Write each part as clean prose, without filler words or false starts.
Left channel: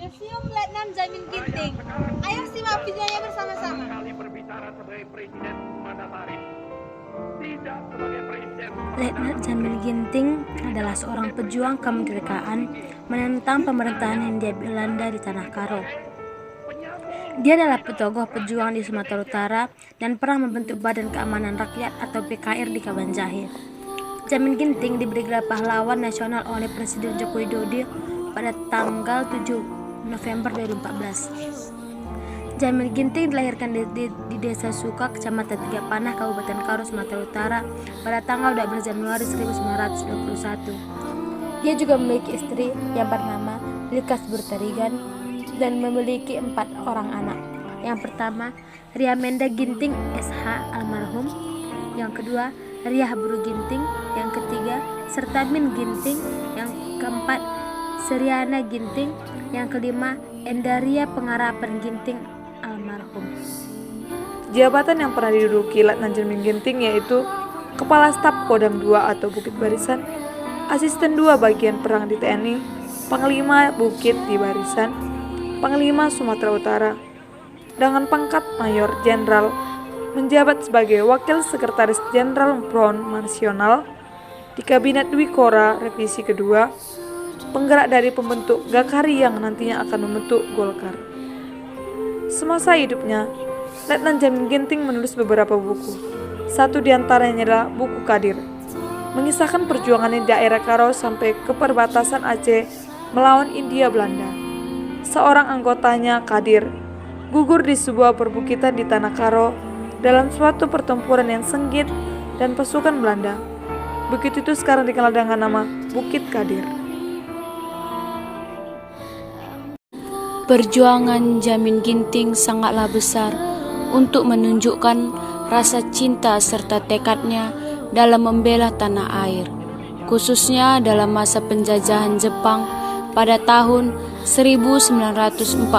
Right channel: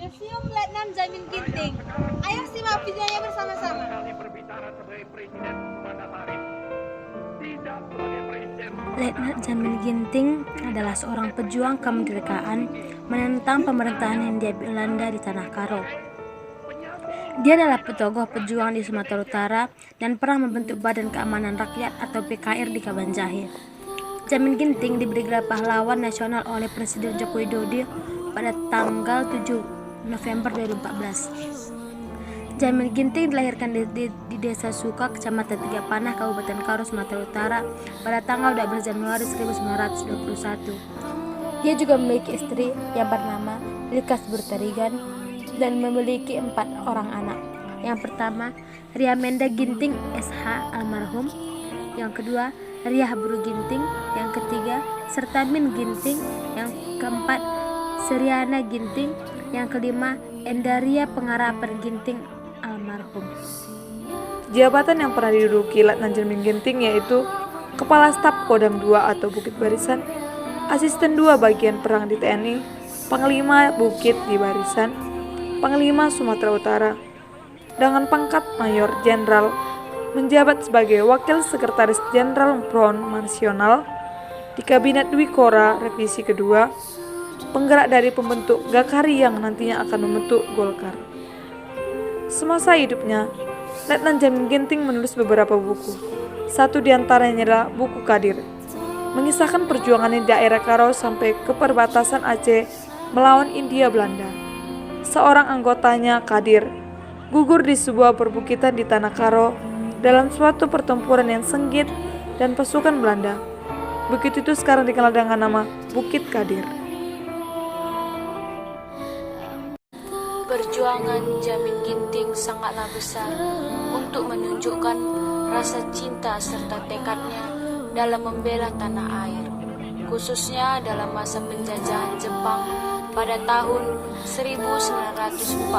Museum Letnan Jamin Ginting. Ayo simak videonya bersama-sama. Letnan Jamin Ginting adalah seorang pejuang kemerdekaan menentang pemerintahan Hindia Belanda di Tanah Karo. Dia adalah tokoh pejuang di Sumatera Utara dan pernah membentuk Badan Keamanan Rakyat atau PKR di Kabanjahe. Jamin Ginting diberi gelar pahlawan nasional oleh Presiden Joko Widodo pada tanggal 7 November 2014. Jamin Ginting dilahirkan di Desa Suka, Kecamatan Tiga Panah, Kabupaten Karo, Sumatera Utara pada tanggal 12 Januari 1921. Dia juga memiliki istri yang bernama Likas Burtarigan dan memiliki 4 orang anak. Yang pertama, Ria Menda Ginting SH almarhum. Yang kedua, Riah Buru Ginting. Yang ketiga, Sertamin Ginting. Yang keempat, Seriana Ginting. Yang kelima, Endaria Pengarapan Ginting almarhum. Jabatan yang pernah diduduki Letnan Jamin Ginting yaitu Kepala Staf Kodam II atau Bukit Barisan, Asisten II Bagian Perang di TNI, Panglima Bukit di Barisan, Panglima Sumatera Utara, dengan pangkat Mayor Jenderal, menjabat sebagai Wakil Sekretaris Jenderal Front Nasional di Kabinet Dwi Kora Revisi Kedua, penggerak dari pembentuk Gakari yang nantinya akan membentuk Golkar. Semasa hidupnya, Letnan Jamin Ginting menulis beberapa buku. Satu di antaranya adalah buku Kadir, mengisahkan perjuangannya di daerah Karo sampai ke perbatasan Aceh melawan Hindia Belanda. Seorang anggotanya, Kadir, gugur di sebuah perbukitan di Tanah Karo dalam suatu pertempuran yang sengit dan pasukan Belanda. Bukit itu sekarang dikenal dengan nama Bukit Kadir. Perjuangan Jamin Ginting sangatlah besar untuk menunjukkan rasa cinta serta tekadnya dalam membela tanah air, khususnya dalam masa penjajahan Jepang pada tahun 1942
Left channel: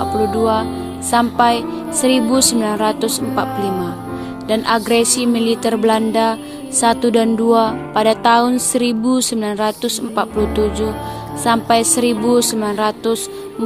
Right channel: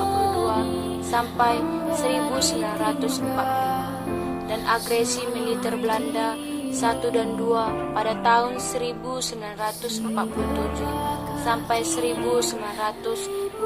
sampai 1945 dan agresi militer Belanda 1 dan 2 pada tahun 1947 sampai 1949.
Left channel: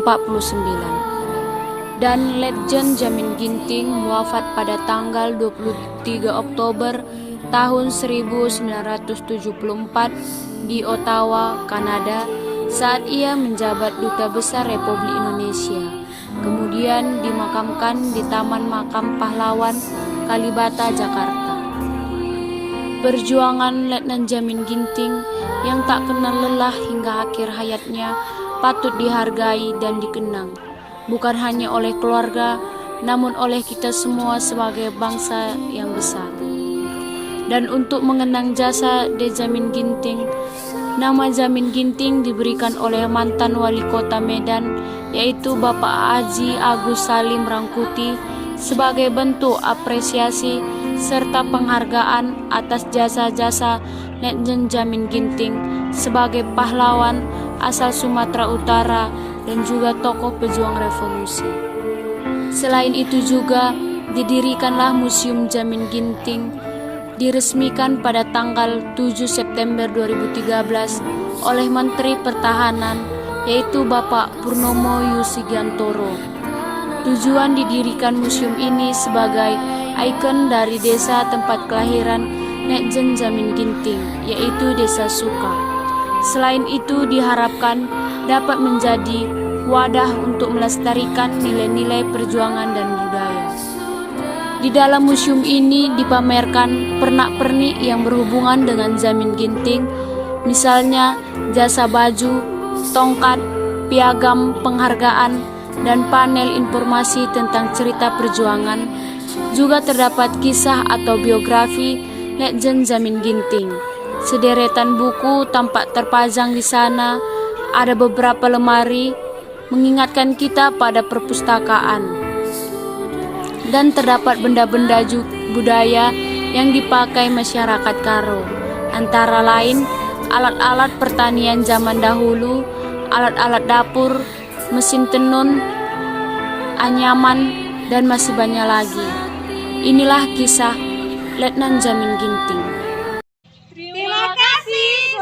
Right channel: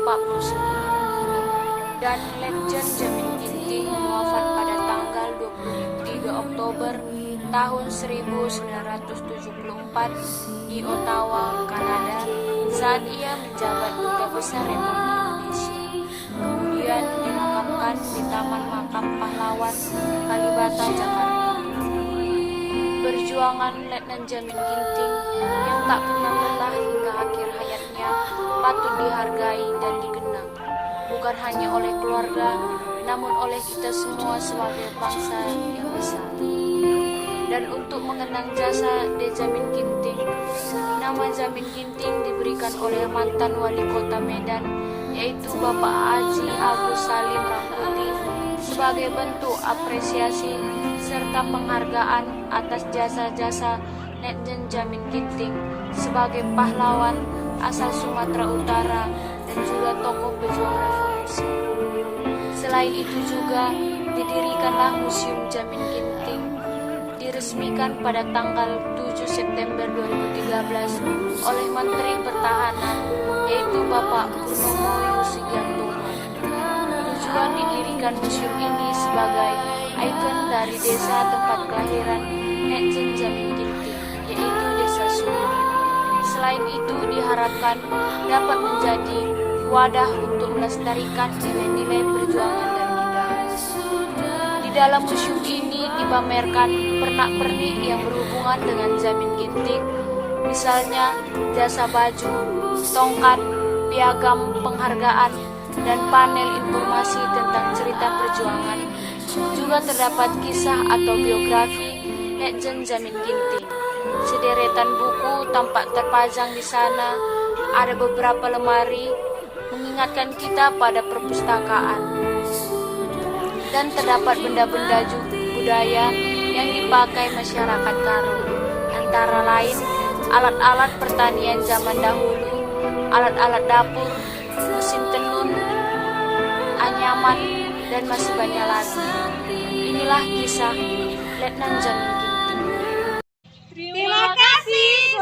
Dan Letjen Jamin Ginting wafat pada tanggal 23 Oktober tahun 1974 di Ottawa, Kanada, saat ia menjabat Duta Besar Republik Indonesia. Kemudian dimakamkan di Taman Makam Pahlawan, Kalibata, Jakarta. Perjuangan Letnan Jamin Ginting yang tak kenal lelah hingga akhir hayatnya patut dihargai dan dikenang, bukan hanya oleh keluarga, namun oleh kita semua sebagai bangsa yang besar. Dan untuk mengenang jasa De Jamin Ginting, nama Jamin Ginting diberikan oleh mantan wali kota Medan, yaitu Bapak Haji Agus Salim Rangkuti, sebagai bentuk apresiasi serta penghargaan atas jasa-jasa Letnan Jamin Ginting sebagai pahlawan asal Sumatera Utara dan juga tokoh pejuang revolusi. Selain itu juga didirikanlah Museum Jamin Ginting, diresmikan pada tanggal 7 September 2013 oleh Menteri Pertahanan, yaitu Bapak Purnomo Yusigantoro. Tujuan didirikan museum ini sebagai ikon dari desa tempat kelahiran Letnan Jamin Ginting, yaitu Desa Suka. Selain itu diharapkan dapat menjadi wadah untuk melestarikan nilai-nilai perjuangan dan budaya. Di dalam museum ini dipamerkan pernak-pernik yang berhubungan dengan Jamin Ginting, misalnya jasa baju, tongkat, piagam penghargaan, dan panel informasi tentang cerita perjuangan. Juga terdapat kisah atau biografi Letnan Jamin Ginting. Sederetan buku tampak terpajang di sana. Ada beberapa lemari mengingatkan kita pada perpustakaan. Dan terdapat benda-benda budaya yang dipakai masyarakat Karo, antara lain alat-alat pertanian zaman dahulu, alat-alat dapur, mesin tenun, anyaman, dan masih banyak lagi. Inilah kisah Letnan Jamin Ginting. Terima kasih.